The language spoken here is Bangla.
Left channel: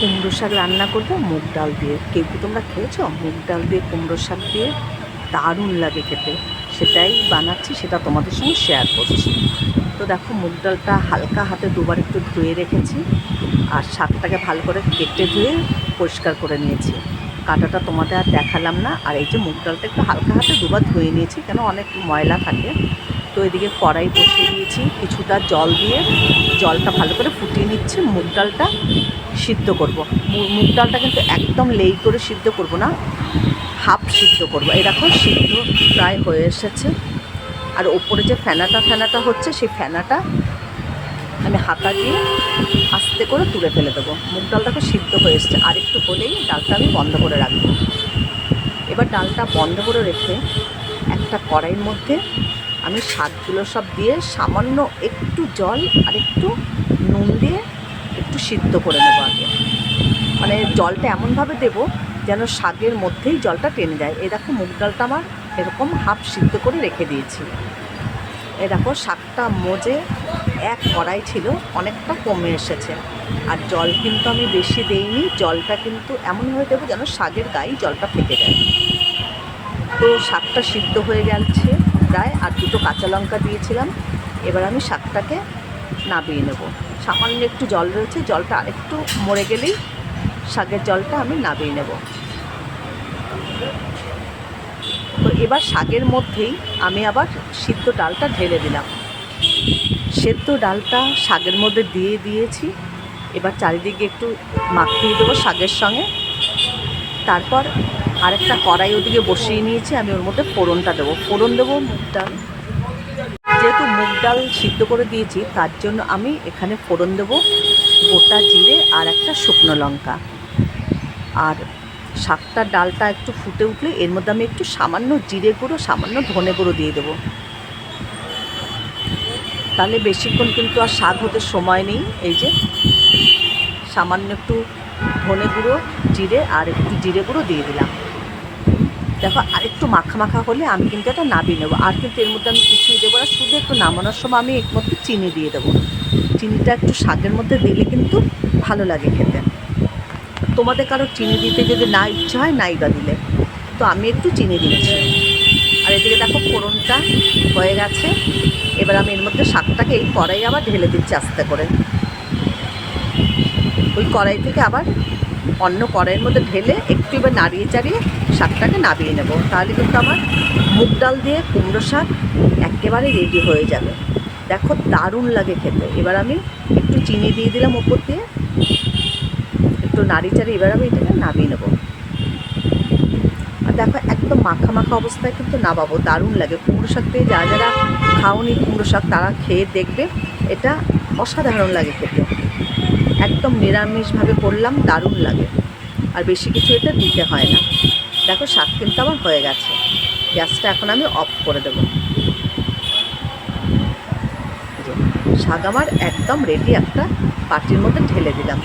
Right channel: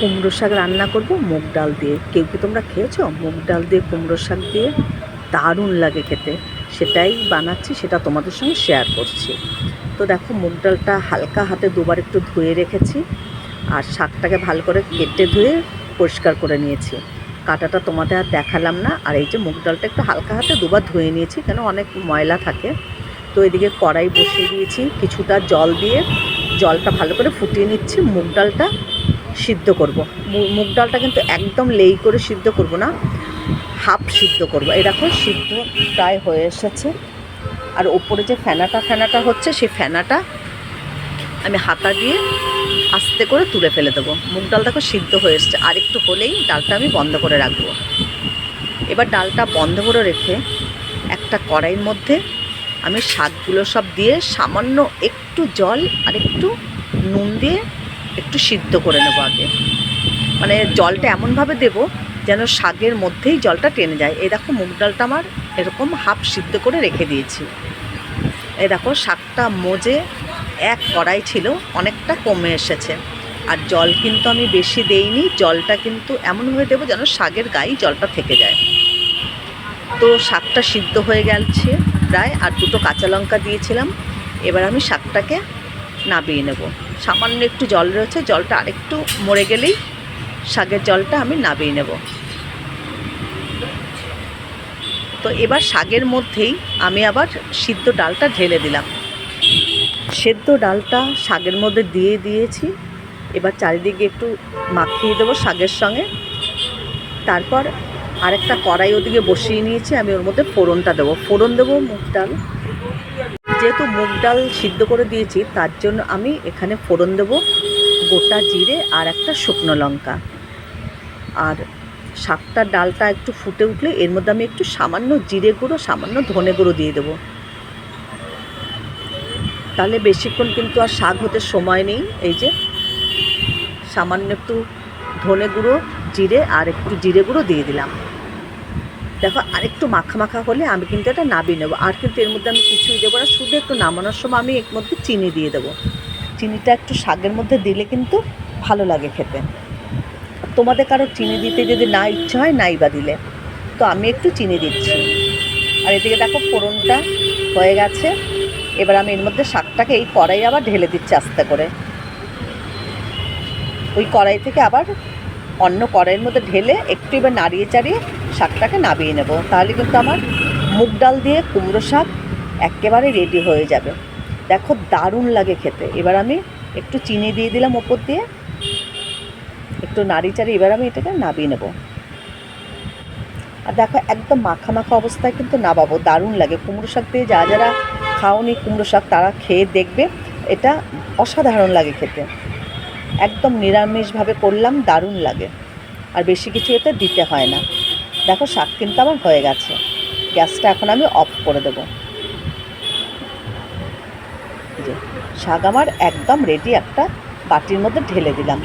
কুমড়ো শাক রান্না করব মুগ ডাল দিয়ে। কেউ কি তোমরা খেয়েছো মুগ ডাল দিয়ে কুমড়ো শাক দিয়ে? দারুণ লাগে খেতে। সেটাই বানাচ্ছি, সেটা তোমাদের সঙ্গে শেয়ার করছি। তো দেখো, মুগ ডালটা হালকা হাতে দুবার একটু ধুয়ে রেখেছি, আর শাকটাকে ভালো করে কেটে ধুয়ে পরিষ্কার করে নিয়েছি। কাঁটাটা তোমাদের আর দেখালাম না। আর এই যে মুগ ডালটা একটু হালকা হাতে দুবার ধুয়ে নিয়েছি, কেন অনেক ময়লা থাকে। তো এদিকে কড়াই বসিয়ে দিয়েছি, কিছুটা জল দিয়ে জলটা ভালো করে ফুটিয়ে নিচ্ছি। মুগ ডালটা সিদ্ধ করব। মুগ ডালটা কিন্তু একদম লেই করে সিদ্ধ করব না, হাফ সিদ্ধ করব। এই দেখো, সিদ্ধ প্রায় হয়ে এসেছে। আর ওপরে যে ফেনাটা হচ্ছে, সেই ফেনাটা আমি হাতা দিয়ে আস্তে করে তুলে ফেলে দেবো। মুগ ডাল দেখো সিদ্ধ হয়ে এসছে, আর একটু হলেই ডালটা আমি বন্ধ করে রাখবো। এবার ডালটা বন্ধ করে রেখে একটা কড়াইয়ের মধ্যে আমি শাকগুলো সব দিয়ে সামান্য একটু জল আর একটু নুন দিয়ে একটু সিদ্ধ করে নেবো আগে। মানে জলটা এমনভাবে দেবো যেন শাকের মধ্যেই জলটা টেনে যায়। এই দেখো, মুগ ডালটা আমার এরকম হাফ সিদ্ধ করে রেখে দিয়েছি। এই দেখো, শাকটা মজে এক কড়াই ছিল, অনেকটা কমে এসেছে। আর জল কিন্তু আমি বেশি দেইনি, জলটা কিন্তু এমনভাবে দেবো যেন শাকের গায়ে জলটা থেকে যায়। তো শাকটা সিদ্ধ হয়ে গেছে প্রায়, আর দুটো কাঁচা লঙ্কা দিয়েছিলাম। এবার আমি শাকটাকে নাবিয়ে নেব। সামান্য একটু জল রয়েছে, জলটা আরেকটু মরে গেলেই শাকের জলটা আমি নাবিয়ে নেব। তো এবার শাকের মধ্যেই আমি আবার সিদ্ধ ডালটা ঢেলে দিলাম। সেদ্ধ ডালটা শাকের মধ্যে দিয়ে দিয়েছি। এবার চারিদিকে একটু মাখিয়ে দেবো শাকের সঙ্গে। তারপর আরেকটা কড়াই ওদিকে বসিয়ে নিয়েছি, আমি ওর মধ্যে ফোড়নটা দেবো। ফোড়ন দেবো মুগ ডাল। যেহেতু মুগ ডাল সিদ্ধ করে দিয়েছি, তার জন্য আমি এখানে ফোড়ন দেবো গোটা জিরে আর একটা শুকনো লঙ্কা। আর শাকটার ডালটা একটু ফুটে উঠলে এর মধ্যে আমি একটু সামান্য জিরে গুঁড়ো, সামান্য ধনে গুঁড়ো দিয়ে দেবো। তাহলে বেশিক্ষণ কিন্তু আর শাক হতে সময় নেই। এই যে সামান্য একটু ধনে গুঁড়ো, জিরে আর একটু জিরে গুঁড়ো দিয়ে দিলাম। দেখো, আরেকটু মাখা মাখা হলে আমি কিন্তু এটা নাবিয়ে নেবো। আর কিন্তু এর মধ্যে আমি কিছুই দেবো না, শুধু একটু নামানোর সময় আমি এর মধ্যে চিনি দিয়ে দেবো। চিনিটা একটু শাকের মধ্যে দিলে কিন্তু ভালো লাগে খেতে। তোমাদের কারো চিনি দিতে যদি না ইচ্ছা হয়, নাই বা দিলে, তো আমি একটু চিনি দিচ্ছি। আর এদিকে দেখো, ফোড়নটা হয়ে গেছে। এবার আমি এর মধ্যে শাকটাকে এই কড়াই আবার ঢেলে দিচ্ছি আস্তে করে। ওই কড়াই থেকে আবার অন্য কড়াইয়ের মধ্যে ঢেলে একটু এবার নাড়িয়ে চাড়িয়ে শাকটাকে নাবিয়ে নেব। তাহলে কিন্তু আমার মুগ ডাল দিয়ে কুমড়ো শাক একেবারে রেডি হয়ে যাবে। দেখো, দারুণ লাগে খেতে। এবার আমি একটু চিনি দিয়ে দিলাম ওপর দিয়ে, একটু নাড়িয়ে চাড়িয়ে এবার আমি এটাকে নাবিয়ে নেব। আর দেখো, একদম মাখা মাখা অবস্থায় কিন্তু নাবাবো। দারুণ লাগে কুমড়ো শাক দিয়ে। যারা খাওনি কুমড়ো শাক, তারা খেয়ে দেখবে, এটা অসাধারণ লাগে খেতে। একদম নিরামিষভাবে করলাম, দারুণ লাগে। আর বেশি কিছু এতে দিতে হয় না। দেখো, শাক কিন্তু আমার হয়ে গেছে। গ্যাসটা এখন আমি অফ করে দেবো। যে শাক আমার একদম রেডি, একটা বাটির মধ্যে ঢেলে দিলাম।